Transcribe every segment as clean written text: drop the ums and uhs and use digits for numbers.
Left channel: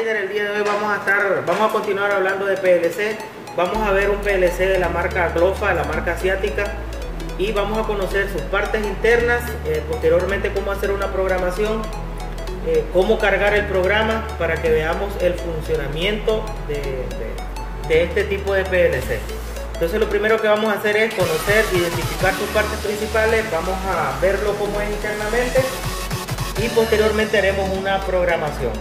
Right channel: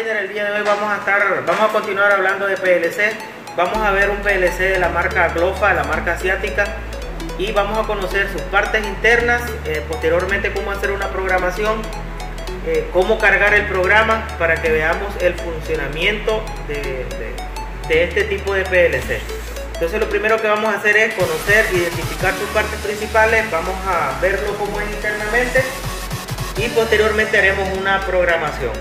Trainer, el día de hoy vamos a continuar hablando de PLC. Vamos a ver un PLC de la marca Glofa, la marca asiática, y vamos a conocer sus partes internas, posteriormente cómo hacer una programación, cómo cargar el programa para que veamos el funcionamiento de este tipo de PLC. Entonces lo primero que vamos a hacer es conocer, identificar sus partes principales, vamos a verlo cómo es internamente y posteriormente haremos una programación.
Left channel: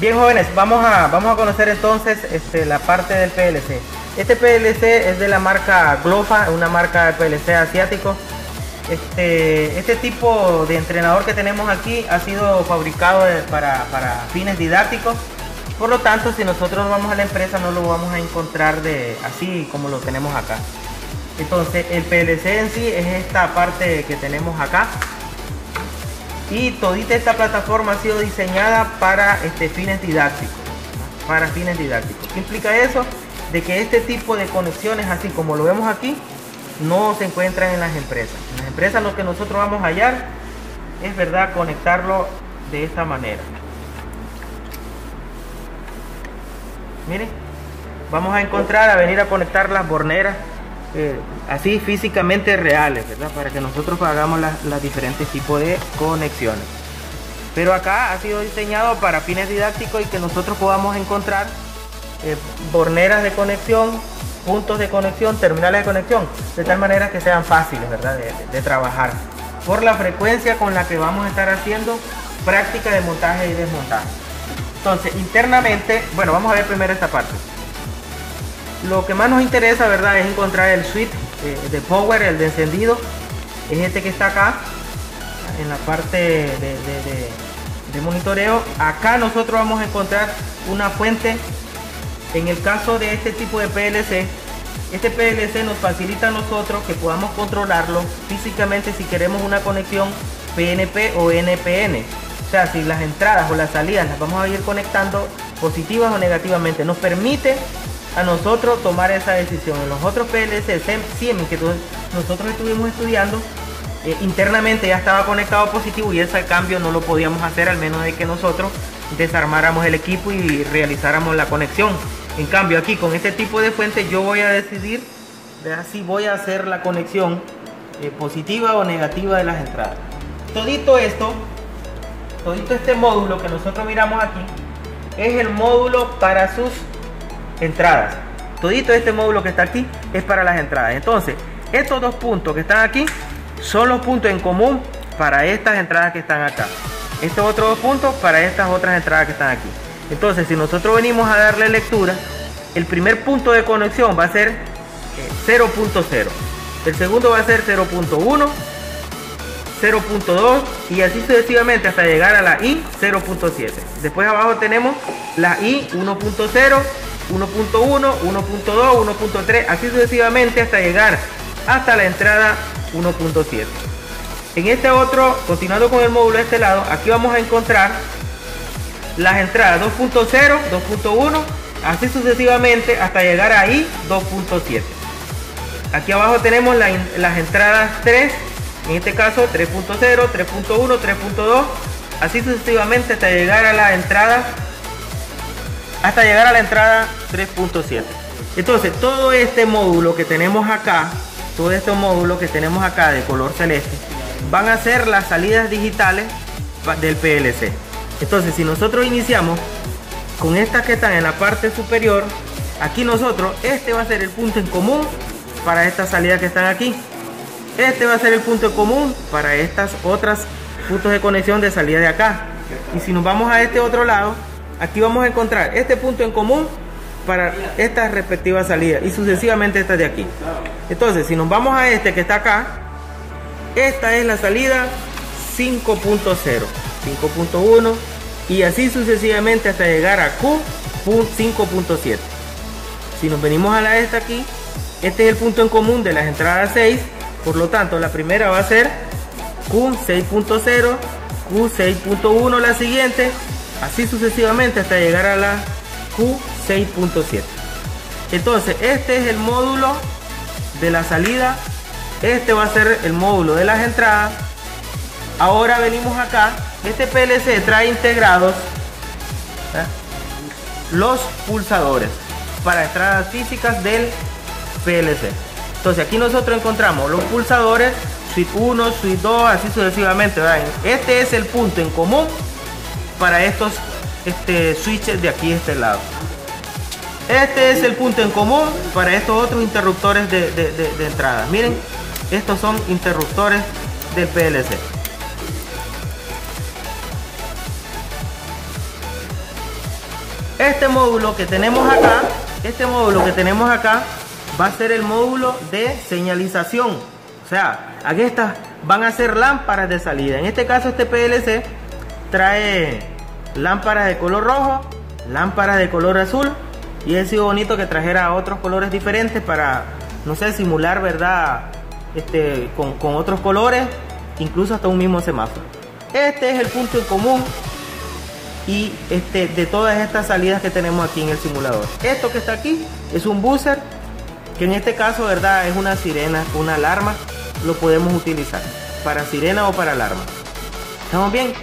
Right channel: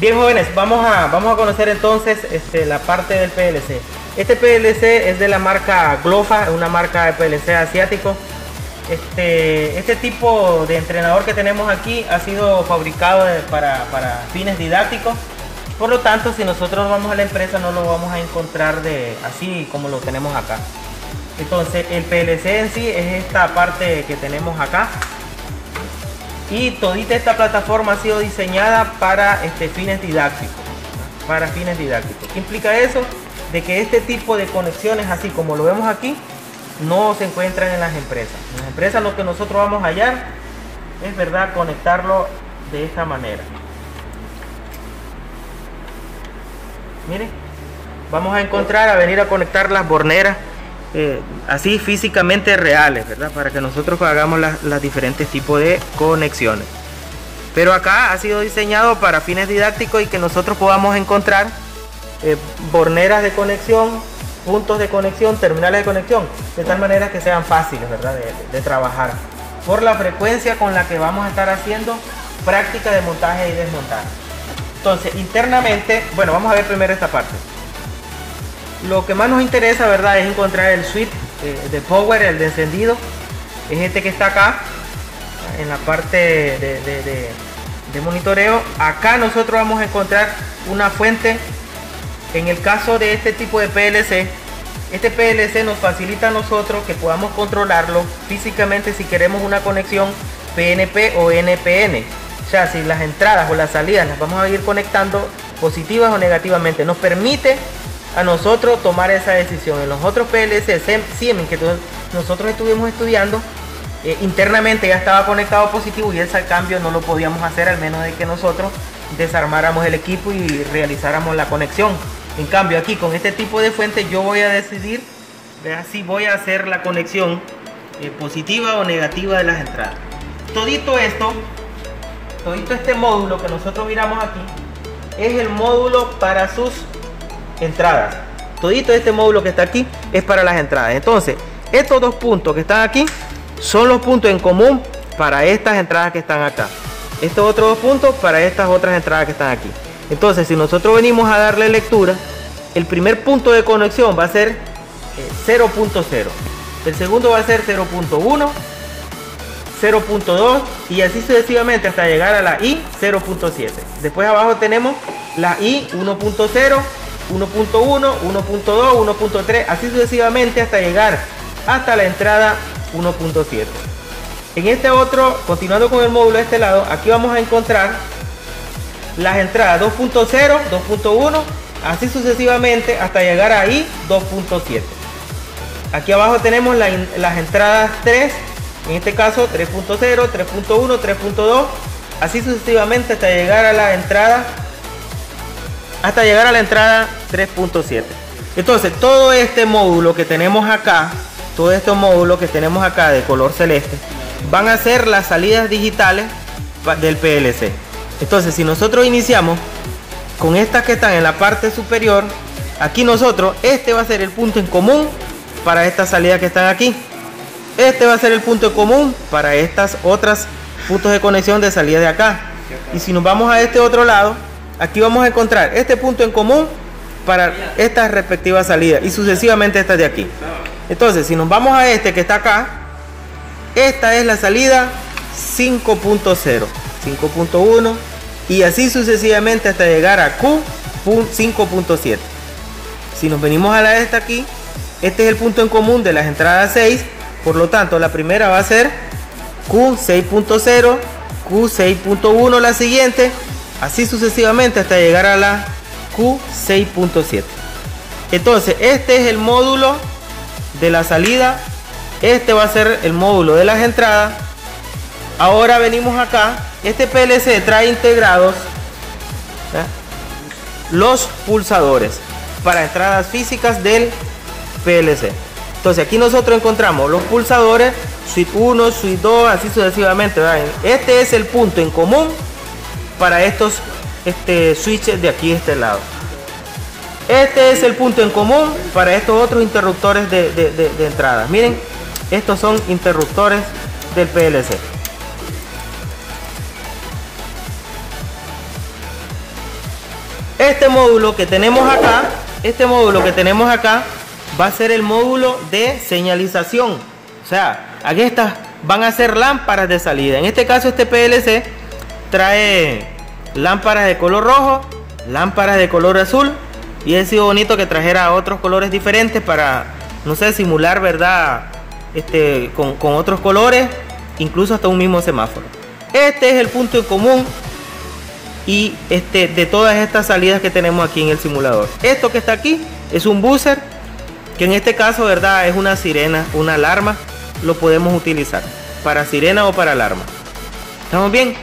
Bien, jóvenes, vamos a conocer entonces la parte del PLC. Este PLC es de la marca Glofa, una marca de PLC asiático. Este tipo de entrenador que tenemos aquí ha sido fabricado para fines didácticos. Por lo tanto, si nosotros vamos a la empresa no lo vamos a encontrar así como lo tenemos acá. Entonces el PLC en sí es esta parte que tenemos acá. Y todita esta plataforma ha sido diseñada para fines didácticos. ¿Qué implica eso? De que este tipo de conexiones, así como lo vemos aquí, no se encuentran en las empresas. En las empresas lo que nosotros vamos a hallar es, ¿verdad?, conectarlo de esta manera. Miren, vamos a venir a conectar las borneras así físicamente reales, ¿verdad? Para que nosotros hagamos las diferentes tipos de conexiones. Pero acá ha sido diseñado para fines didácticos y que nosotros podamos encontrar borneras de conexión, puntos de conexión, terminales de conexión, de tal manera que sean fáciles, ¿verdad?, de trabajar, por la frecuencia con la que vamos a estar haciendo práctica de montaje y desmontaje. Entonces, internamente, bueno, vamos a ver primero esta parte. Lo que más nos interesa, ¿verdad?, es encontrar el switch de power, el de encendido. Es este que está acá, en la parte de monitoreo. Acá nosotros vamos a encontrar una fuente. En el caso de este tipo de PLC, este PLC nos facilita a nosotros que podamos controlarlo físicamente si queremos una conexión PNP o NPN. O sea, si las entradas o las salidas las vamos a ir conectando positivas o negativamente, nos permite a nosotros tomar esa decisión. En los otros PLC Siemens que nosotros estuvimos estudiando, internamente ya estaba conectado positivo y ese cambio no lo podíamos hacer, al menos de que nosotros desarmáramos el equipo y realizáramos la conexión. En cambio aquí con este tipo de fuente yo voy a decidir si voy a hacer la conexión positiva o negativa de las entradas. Todito este módulo que nosotros miramos aquí es el módulo para sus entradas. Todito este módulo que está aquí es para las entradas. Entonces estos dos puntos que están aquí son los puntos en común para estas entradas que están acá. Estos otros dos puntos para estas otras entradas que están aquí. Entonces si nosotros venimos a darle lectura, el primer punto de conexión va a ser 0.0, el segundo va a ser 0.1, 0.2 y así sucesivamente hasta llegar a la I 0.7. Después abajo tenemos la I 1.0, 1.1, 1.2, 1.3, así sucesivamente hasta llegar hasta la entrada 1.7. En este otro, continuando con el módulo de este lado, aquí vamos a encontrar las entradas 2.0, 2.1, así sucesivamente hasta llegar a I 2.7. Aquí abajo tenemos las entradas 3, en este caso 3.0, 3.1, 3.2, así sucesivamente hasta llegar a la entrada 3.7. Entonces todo este módulo que tenemos acá, todos estos módulos que tenemos acá de color celeste, van a ser las salidas digitales del PLC. Entonces si nosotros iniciamos con estas que están en la parte superior, aquí nosotros, este va a ser el punto en común para estas salidas que están aquí. Este va a ser el punto en común para estas otras puntos de conexión de salida de acá. Y si nos vamos a este otro lado, aquí vamos a encontrar este punto en común para estas respectivas salidas y sucesivamente estas de aquí. Entonces si nos vamos a este que está acá, esta es la salida 5.0, 5.1 y así sucesivamente hasta llegar a Q 5.7. si nos venimos a esta aquí, este es el punto en común de las entradas 6, por lo tanto la primera va a ser Q6.0, Q6.1 la siguiente, así sucesivamente hasta llegar a la Q6.7. Entonces este es el módulo de la salida, este va a ser el módulo de las entradas. Ahora venimos acá, este PLC trae integrados los pulsadores para entradas físicas del PLC. Entonces aquí nosotros encontramos los pulsadores suite 1, suite 2, así sucesivamente. Este es el punto en común para estos switches de aquí de este lado. Este es el punto en común para estos otros interruptores de entrada. Miren, estos son interruptores del PLC. Este módulo que tenemos acá, va a ser el módulo de señalización. O sea, aquí estas van a ser lámparas de salida. En este caso este PLC trae lámparas de color rojo, lámparas de color azul, y ha sido bonito que trajera otros colores diferentes para, no sé, simular, ¿verdad? Con otros colores, incluso hasta un mismo semáforo. Este es el punto en común y de todas estas salidas que tenemos aquí en el simulador. Esto que está aquí es un buzzer, que en este caso, ¿verdad?, es una sirena, una alarma. Lo podemos utilizar para sirena o para alarma. ¿Estamos bien?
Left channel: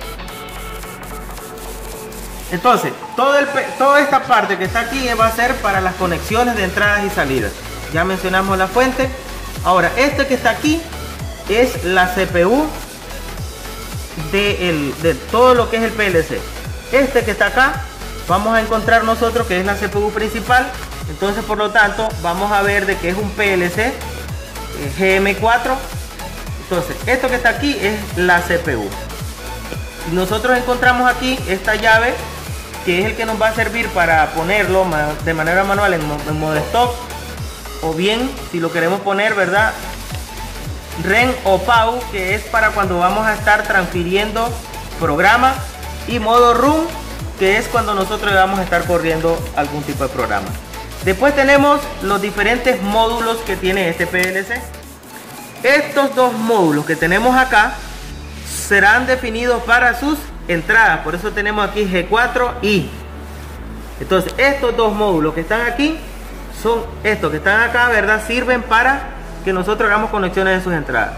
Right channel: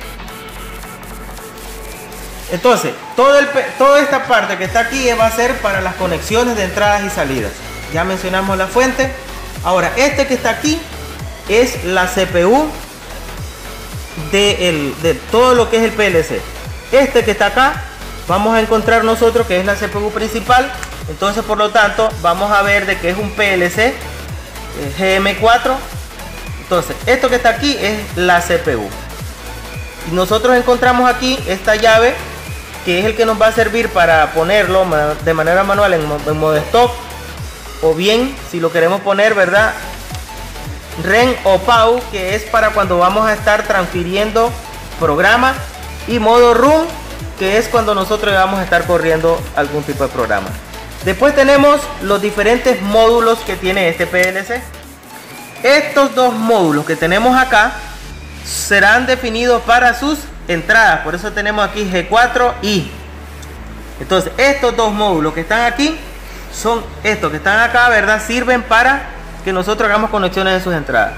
Entonces, toda esta parte que está aquí va a ser para las conexiones de entradas y salidas. Ya mencionamos la fuente. Ahora, este que está aquí es la CPU de todo lo que es el PLC. Este que está acá, vamos a encontrar nosotros que es la CPU principal. Entonces, por lo tanto, vamos a ver de que es un PLC GM4. Entonces, esto que está aquí es la CPU. Nosotros encontramos aquí esta llave, que es el que nos va a servir para ponerlo de manera manual en modo stock, o bien si lo queremos poner, ¿verdad?, REN o PAU, que es para cuando vamos a estar transfiriendo programa, y modo RUN, que es cuando nosotros vamos a estar corriendo algún tipo de programa. Después tenemos los diferentes módulos que tiene este PLC. Estos dos módulos que tenemos acá serán definidos para sus entradas, por eso tenemos aquí G4i. Entonces estos dos módulos que están aquí son estos que están acá, ¿verdad?, sirven para que nosotros hagamos conexiones en sus entradas.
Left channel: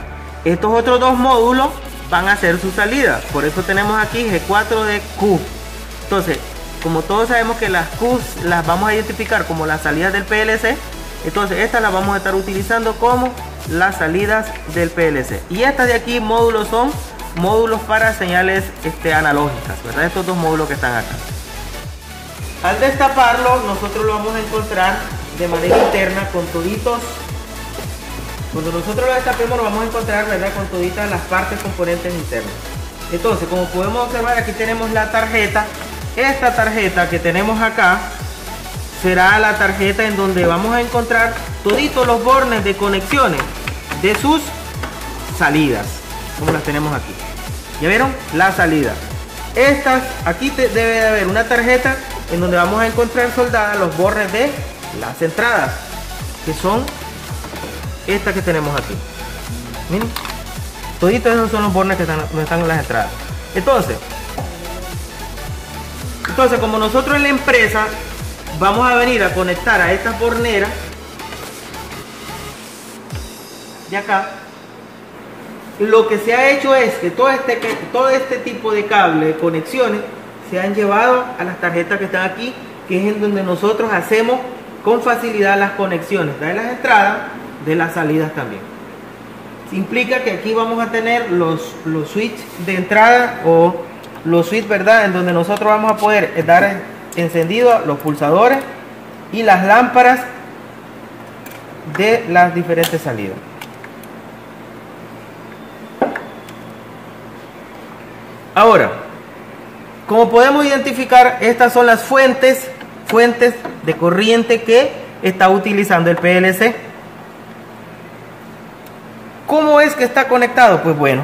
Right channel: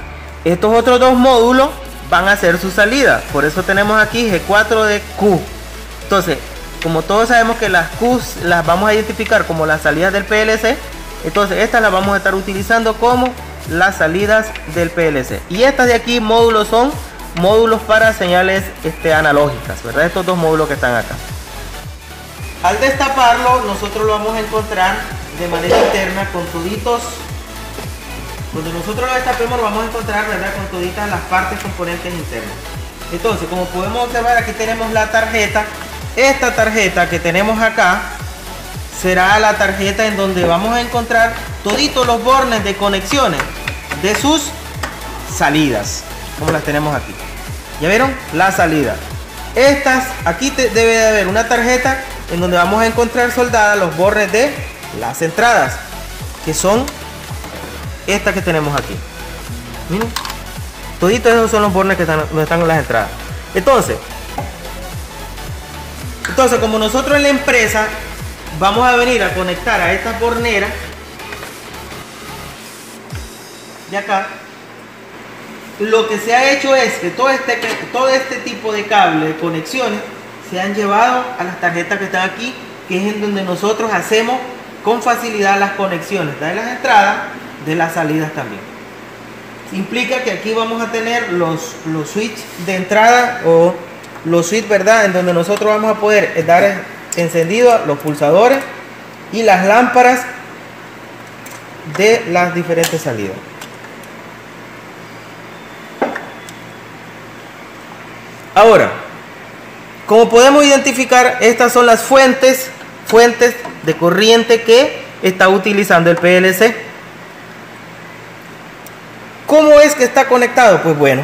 Estos otros dos módulos van a ser sus salidas, por eso tenemos aquí G4 de Q. Entonces, como todos sabemos que las Q las vamos a identificar como las salidas del PLC, entonces estas las vamos a estar utilizando como las salidas del PLC. Y estas de aquí, módulos, son módulos para señales analógicas, ¿verdad? Estos dos módulos que están acá. Al destaparlo, nosotros lo vamos a encontrar de manera interna con toditos. Cuando nosotros lo destapemos, lo vamos a encontrar, ¿verdad?, con toditas las partes componentes internas. Entonces, como podemos observar, aquí tenemos la tarjeta. Esta tarjeta que tenemos acá será la tarjeta en donde vamos a encontrar toditos los bornes de conexiones de sus salidas, como las tenemos aquí. ¿Ya vieron? La salida. Estas, aquí debe de haber una tarjeta en donde vamos a encontrar soldadas los bornes de las entradas, que son estas que tenemos aquí. Miren, toditos esos son los bornes que están en las entradas. Entonces, como nosotros en la empresa vamos a venir a conectar a estas borneras de acá, lo que se ha hecho es que todo este tipo de cable de conexiones se han llevado a las tarjetas que están aquí, que es en donde nosotros hacemos con facilidad las conexiones de las entradas, de las salidas también. Implica que aquí vamos a tener los switches de entrada, o los switches, ¿verdad?, en donde nosotros vamos a poder dar encendido a los pulsadores y las lámparas de las diferentes salidas. Ahora, como podemos identificar, estas son las fuentes de corriente que está utilizando el PLC. ¿Cómo es que está conectado? Pues bueno,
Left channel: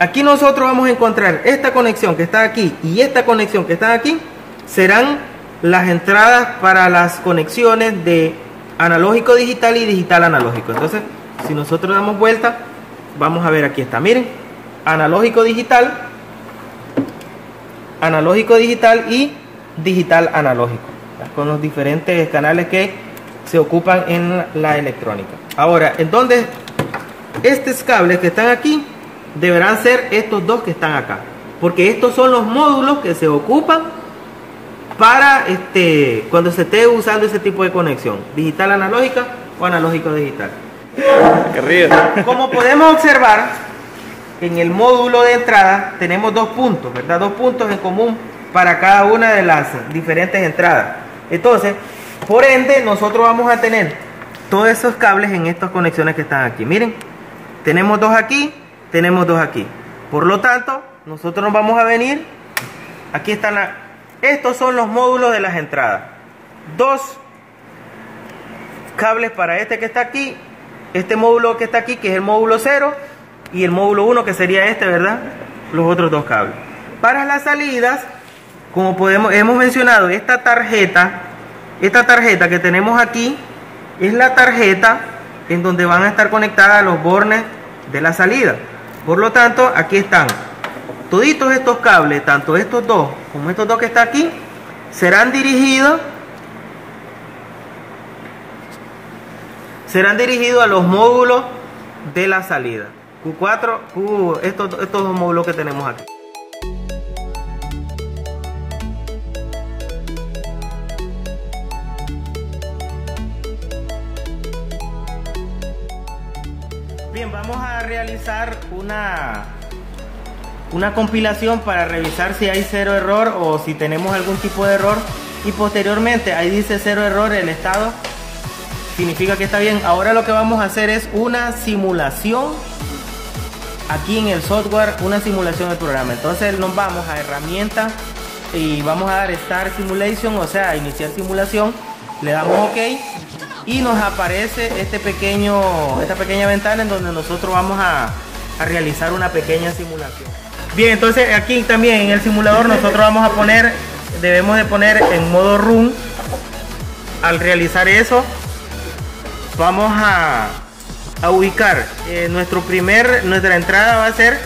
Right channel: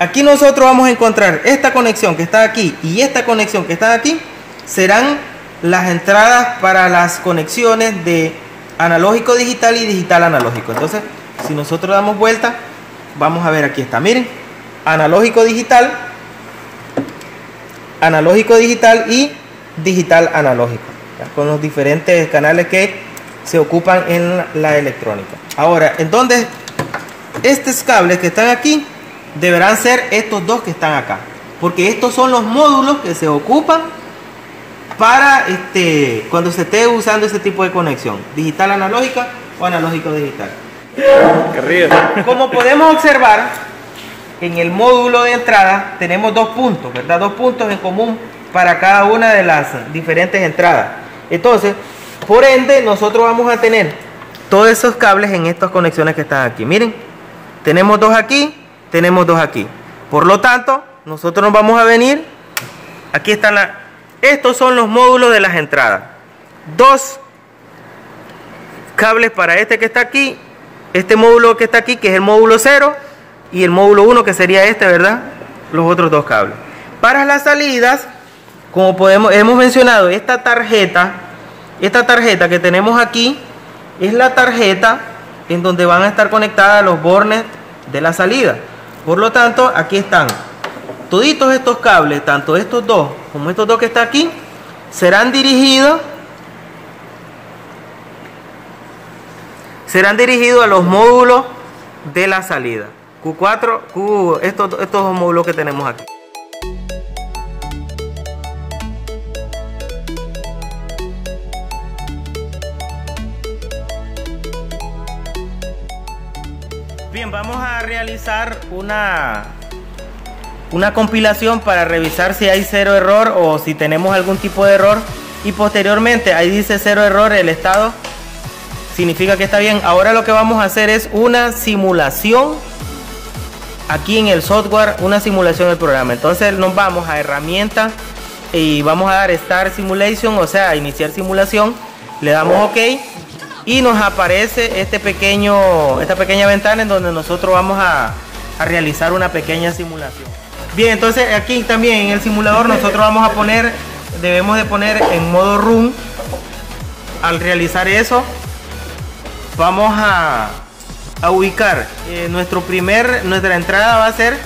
aquí nosotros vamos a encontrar esta conexión que está aquí y esta conexión que está aquí, serán las entradas para las conexiones de analógico digital y digital analógico. Entonces, si nosotros damos vuelta, vamos a ver, aquí está, miren, analógico digital y digital analógico, con los diferentes canales que se ocupan en la electrónica. Ahora, entonces, estos cables que están aquí deberán ser estos dos que están acá, porque estos son los módulos que se ocupan para cuando se esté usando ese tipo de conexión, digital analógica o analógico digital. Qué río. Como podemos observar, en el módulo de entrada tenemos dos puntos, ¿verdad? Dos puntos en común para cada una de las diferentes entradas. Entonces, por ende, nosotros vamos a tener todos esos cables en estas conexiones que están aquí. Miren, tenemos dos aquí, tenemos dos aquí. Por lo tanto, nosotros nos vamos a venir, aquí están estos son los módulos de las entradas. Dos cables para este que está aquí, este módulo que está aquí, que es el módulo 0, y el módulo 1, que sería este, ¿verdad? Los otros dos cables. Para las salidas, como hemos mencionado, esta tarjeta que tenemos aquí, es la tarjeta en donde van a estar conectadas los bornes de la salida. Por lo tanto, aquí están toditos estos cables, tanto estos dos como estos dos que están aquí, serán dirigidos a los módulos de la salida. Q4, estos dos módulos que tenemos aquí. Bien, vamos a realizar una compilación para revisar si hay cero error o si tenemos algún tipo de error, y posteriormente ahí dice cero error, el estado significa que está bien. Ahora lo que vamos a hacer es una simulación aquí en el software, una simulación del programa. Entonces nos vamos a herramientas y vamos a dar Start Simulation, o sea, iniciar simulación, le damos OK y nos aparece esta pequeña ventana en donde nosotros vamos a realizar una pequeña simulación. Bien, entonces aquí también en el simulador nosotros vamos a debemos de poner en modo run. Al realizar eso, vamos a ubicar nuestra entrada va a ser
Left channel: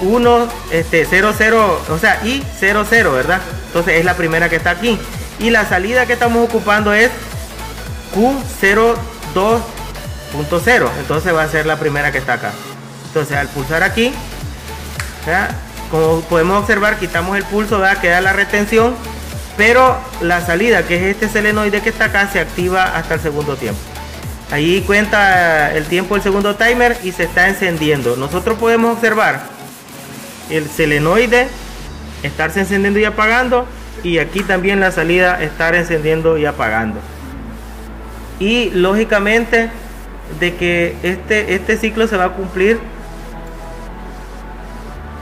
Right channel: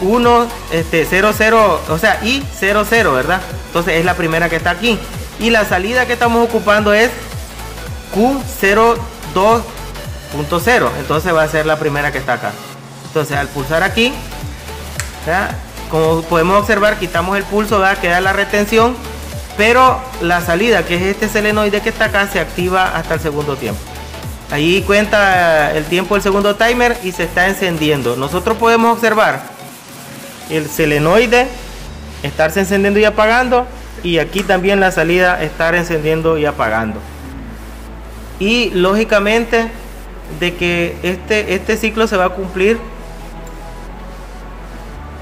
1, 0, 0, o sea, y 0, 0, ¿verdad? Entonces es la primera que está aquí, y la salida que estamos ocupando es Q02.0, entonces va a ser la primera que está acá. Entonces al pulsar aquí, ¿ya? Como podemos observar, quitamos el pulso, ¿verdad? Queda la retención, pero la salida, que es este solenoide que está acá, se activa hasta el segundo tiempo. Ahí cuenta el tiempo del segundo timer y se está encendiendo. Nosotros podemos observar el solenoide estarse encendiendo y apagando, y aquí también la salida estar encendiendo y apagando. Y lógicamente de que este ciclo se va a cumplir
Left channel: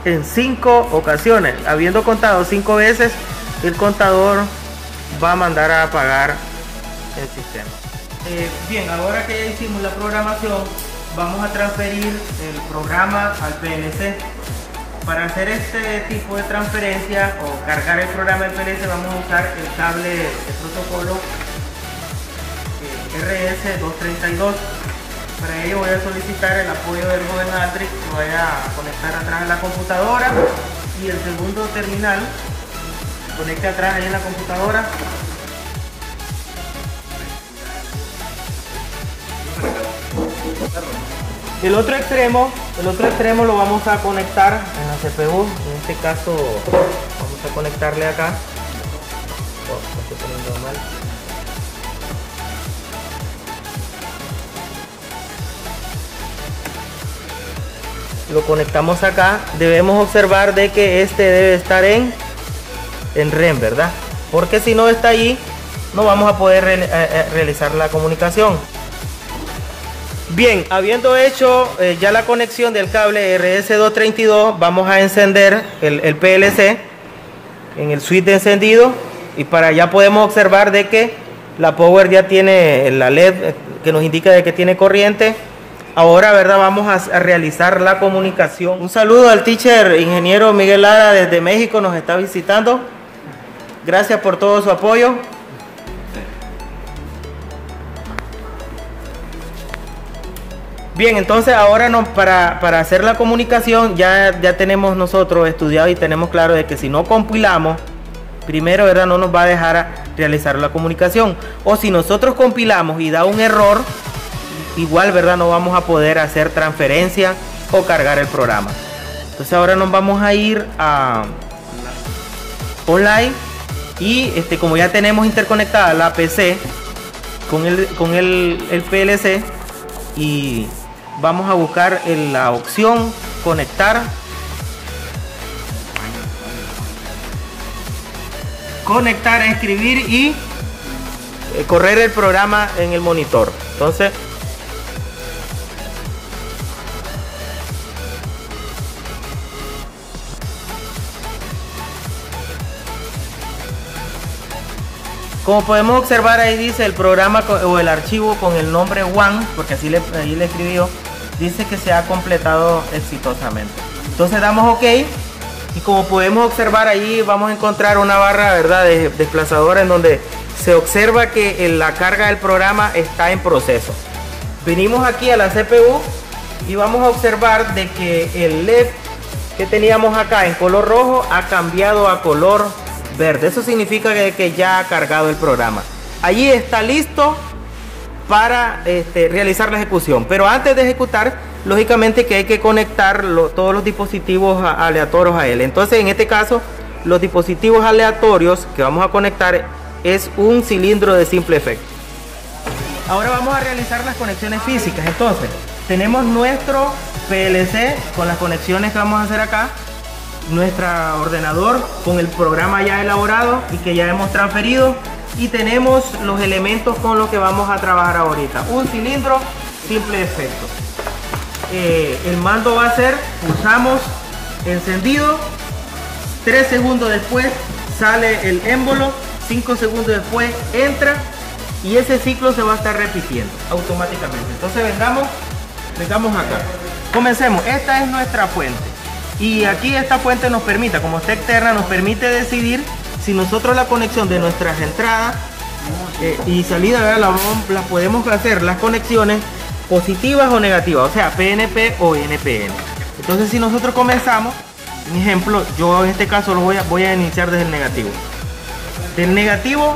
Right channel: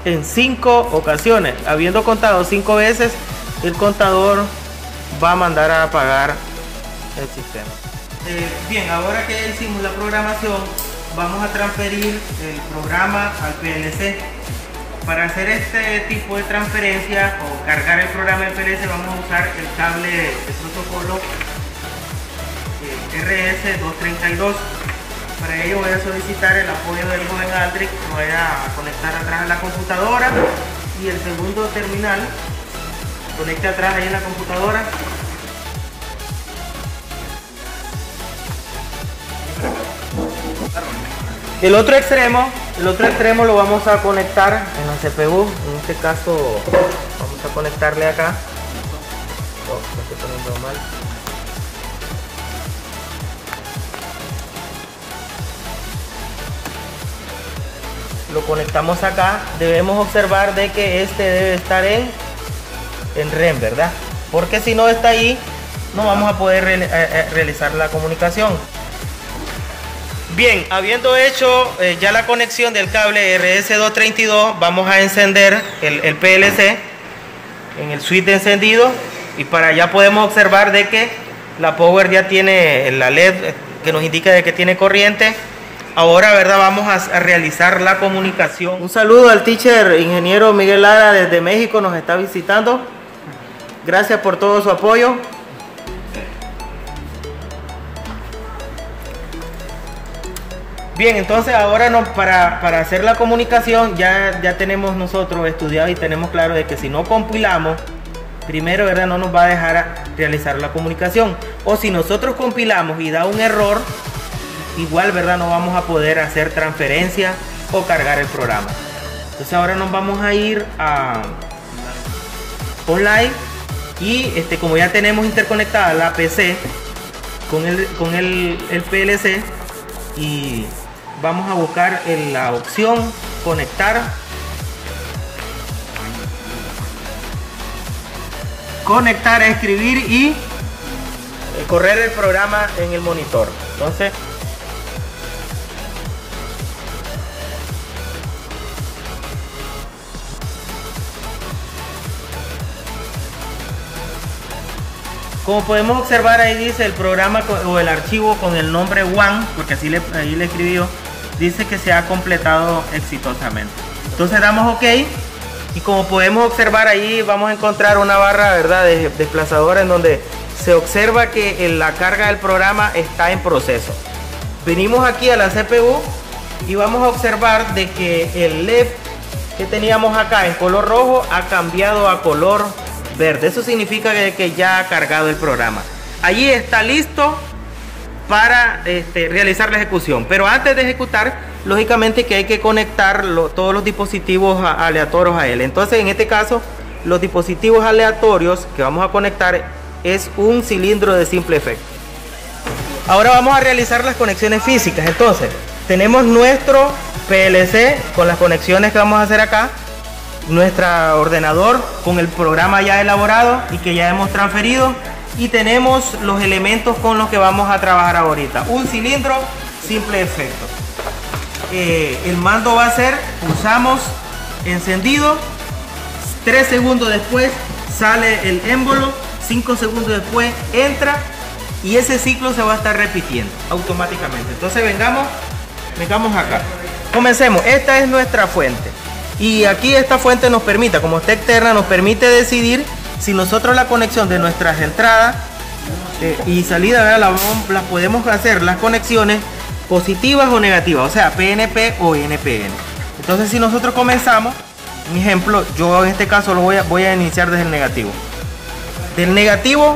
en 5 ocasiones. Habiendo contado 5 veces, el contador va a mandar a apagar el sistema. Bien, ahora que hicimos la programación, vamos a transferir el programa al PLC. Para hacer este tipo de transferencia o cargar el programa del PLC, vamos a usar el cable de protocolo RS232. Para ello voy a solicitar el apoyo del joven Aldrich, que vaya a conectar atrás a la computadora, y el segundo terminal conecte atrás ahí en la computadora. El otro extremo lo vamos a conectar en la CPU. En este caso vamos a conectarle acá. Oh, lo estoy poniendo mal. Lo conectamos acá. Debemos observar de que este debe estar en REM, ¿verdad? Porque si no está ahí, no vamos a poder realizar la comunicación. Bien, habiendo hecho ya la conexión del cable RS232, vamos a encender el PLC en el switch de encendido, y para allá podemos observar de que la power ya tiene la LED que nos indica de que tiene corriente. Ahora, ¿verdad? Vamos a realizar la comunicación. Un saludo al teacher ingeniero Miguel Lara desde México, nos está visitando. Gracias por todo su apoyo. Bien, entonces ahora para hacer la comunicación ya tenemos nosotros estudiado y tenemos claro de que si no compilamos, primero, ¿verdad?, no nos va a dejar realizar la comunicación. O si nosotros compilamos y da un error, igual, ¿verdad?, no vamos a poder hacer transferencia o cargar el programa. Entonces ahora nos vamos a ir a online y como ya tenemos interconectada la PC con el PLC, y vamos a buscar la opción conectar, a escribir y correr el programa en el monitor. Entonces como podemos observar, ahí dice el programa o el archivo con el nombre one, porque así ahí le escribió, dice que se ha completado exitosamente. Entonces damos OK, y como podemos observar, ahí vamos a encontrar una barra, ¿verdad?, de desplazadora en donde se observa que la carga del programa está en proceso. Venimos aquí a la CPU y vamos a observar de que el LED que teníamos acá en color rojo ha cambiado a color verde. Eso significa que ya ha cargado el programa. Allí está listo para realizar la ejecución. Pero antes de ejecutar, lógicamente que hay que conectar todos los dispositivos aleatorios a él. Entonces, en este caso, los dispositivos aleatorios que vamos a conectar es un cilindro de simple efecto. Ahora vamos a realizar las conexiones físicas. Entonces, tenemos nuestro PLC con las conexiones que vamos a hacer acá, nuestro ordenador con el programa ya elaborado y que ya hemos transferido, y tenemos los elementos con los que vamos a trabajar ahorita. Un cilindro simple efecto. El mando va a ser, pulsamos encendido, 3 segundos después sale el émbolo, 5 segundos después entra, y ese ciclo se va a estar repitiendo automáticamente. Entonces vengamos acá, comencemos. Esta es nuestra fuente, y aquí esta fuente nos permite, como está externa, nos permite decidir si nosotros la conexión de nuestras entradas y salida, ¿verdad?, la podemos hacer las conexiones positivas o negativas, o sea, PNP o NPN. Entonces, si nosotros comenzamos, un ejemplo, yo en este caso lo voy a iniciar desde el negativo. Del negativo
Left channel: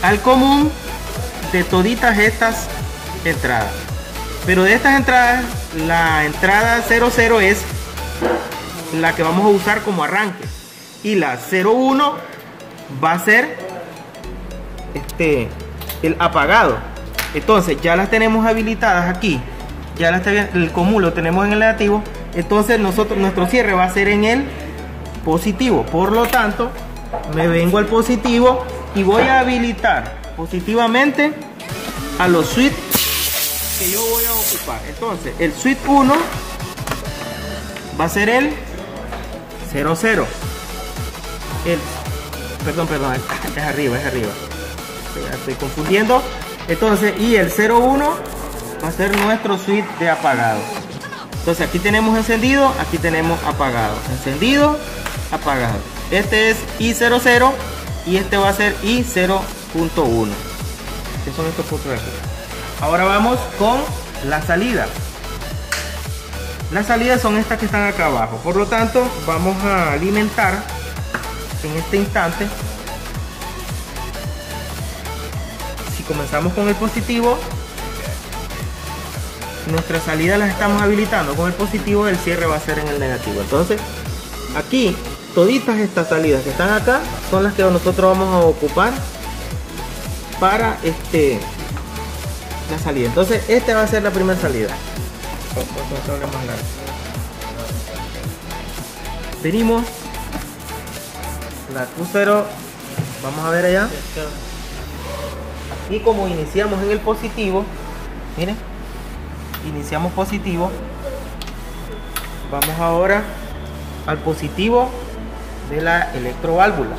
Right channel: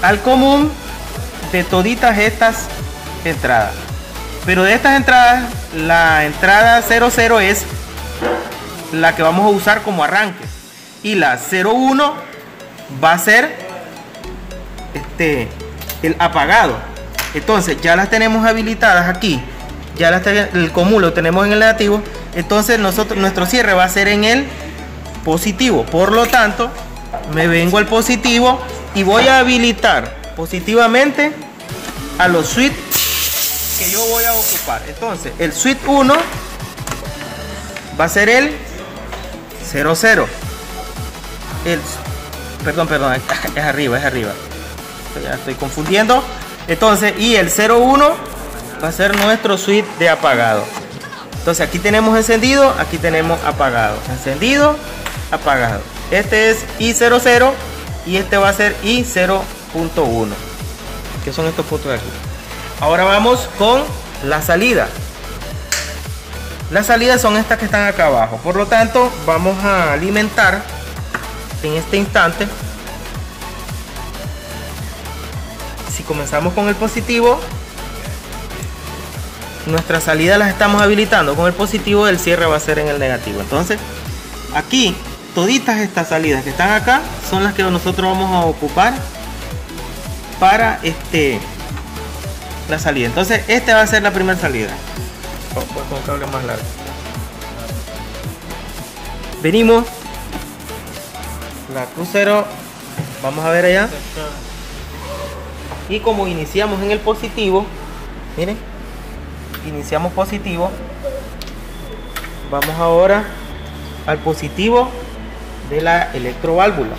al común de toditas estas entradas. Pero de estas entradas, la entrada 00 es la que vamos a usar como arranque, y la 01 va a ser el apagado. Entonces ya las tenemos habilitadas aquí, ya el común lo tenemos en el negativo. Entonces nuestro cierre va a ser en el positivo. Por lo tanto, me vengo al positivo y voy a habilitar positivamente a los switches que yo voy a ocupar. Entonces el switch 1 va a ser el 00. Perdón, es arriba. Ya estoy confundiendo. Entonces, y el 01 va a ser nuestro switch de apagado. Entonces aquí tenemos encendido, aquí tenemos apagado, encendido, apagado. Este es I00 y este va a ser I0.1, que son estos puntos de aquí. Ahora vamos con la salida. Las salidas son estas que están acá abajo. Por lo tanto, vamos a alimentar en este instante. Si comenzamos con el positivo, nuestras salidas las estamos habilitando con el positivo, el cierre va a ser en el negativo. Entonces, aquí, toditas estas salidas que están acá son las que nosotros vamos a ocupar para la salida. Entonces, esta va a ser la primera salida. Más largo. Venimos, la Q0, vamos a ver allá, y como iniciamos en el positivo, miren, iniciamos positivo, vamos ahora al positivo de la electroválvula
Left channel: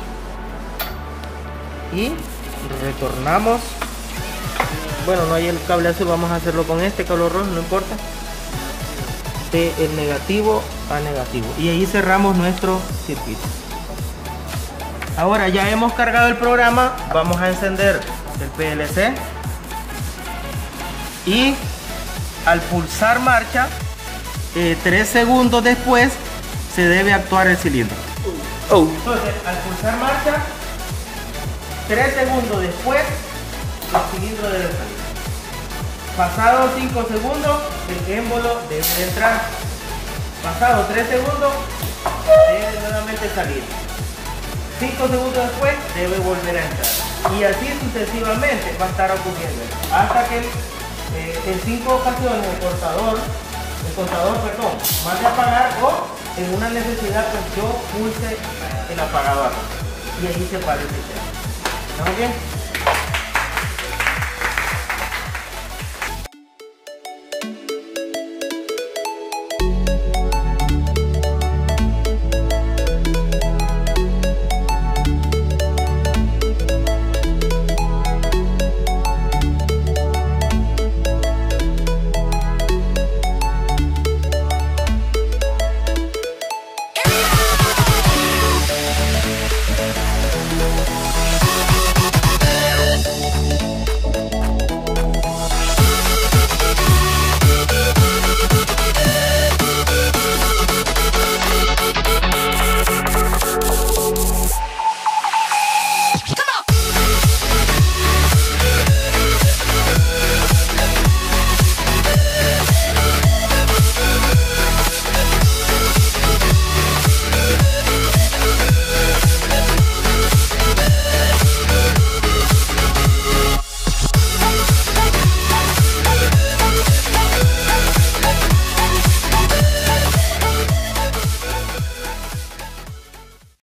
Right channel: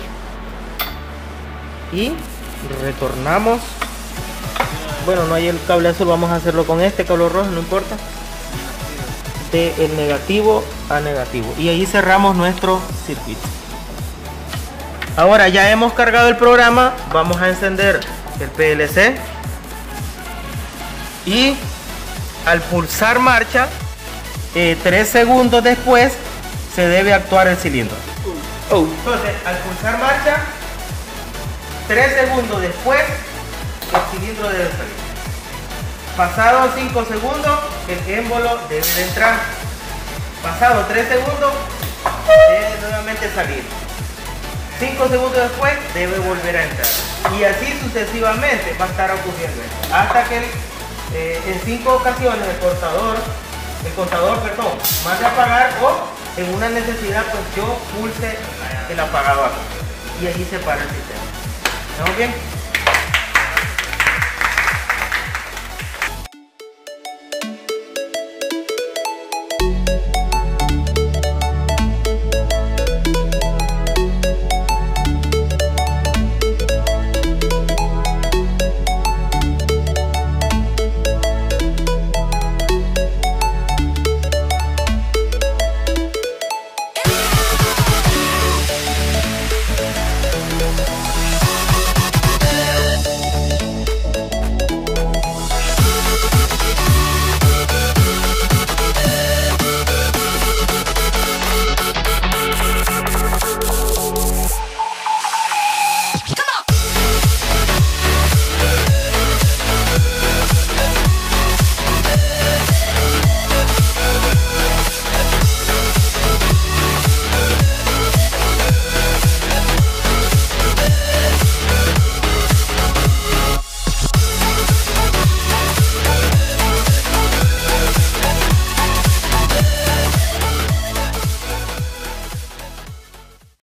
y retornamos. Bueno, no hay el cable azul, vamos a hacerlo con este color rojo, no importa, de el negativo a negativo, y ahí cerramos nuestro circuito. Ahora ya hemos cargado el programa, vamos a encender el PLC y al pulsar marcha, 3 segundos después se debe actuar el cilindro. Entonces, al pulsar marcha, 3 segundos después, el cilindro debe salir. Pasados 5 segundos, el émbolo debe de entrar. Pasados 3 segundos, debe nuevamente salir. 5 segundos después, debe volver a entrar. Y así sucesivamente va a estar ocurriendo. Hasta que en 5 ocasiones el contador, mande a apagar, o en una necesidad, pues yo pulse el apagador. Y allí se para el sistema. ¿Estamos bien?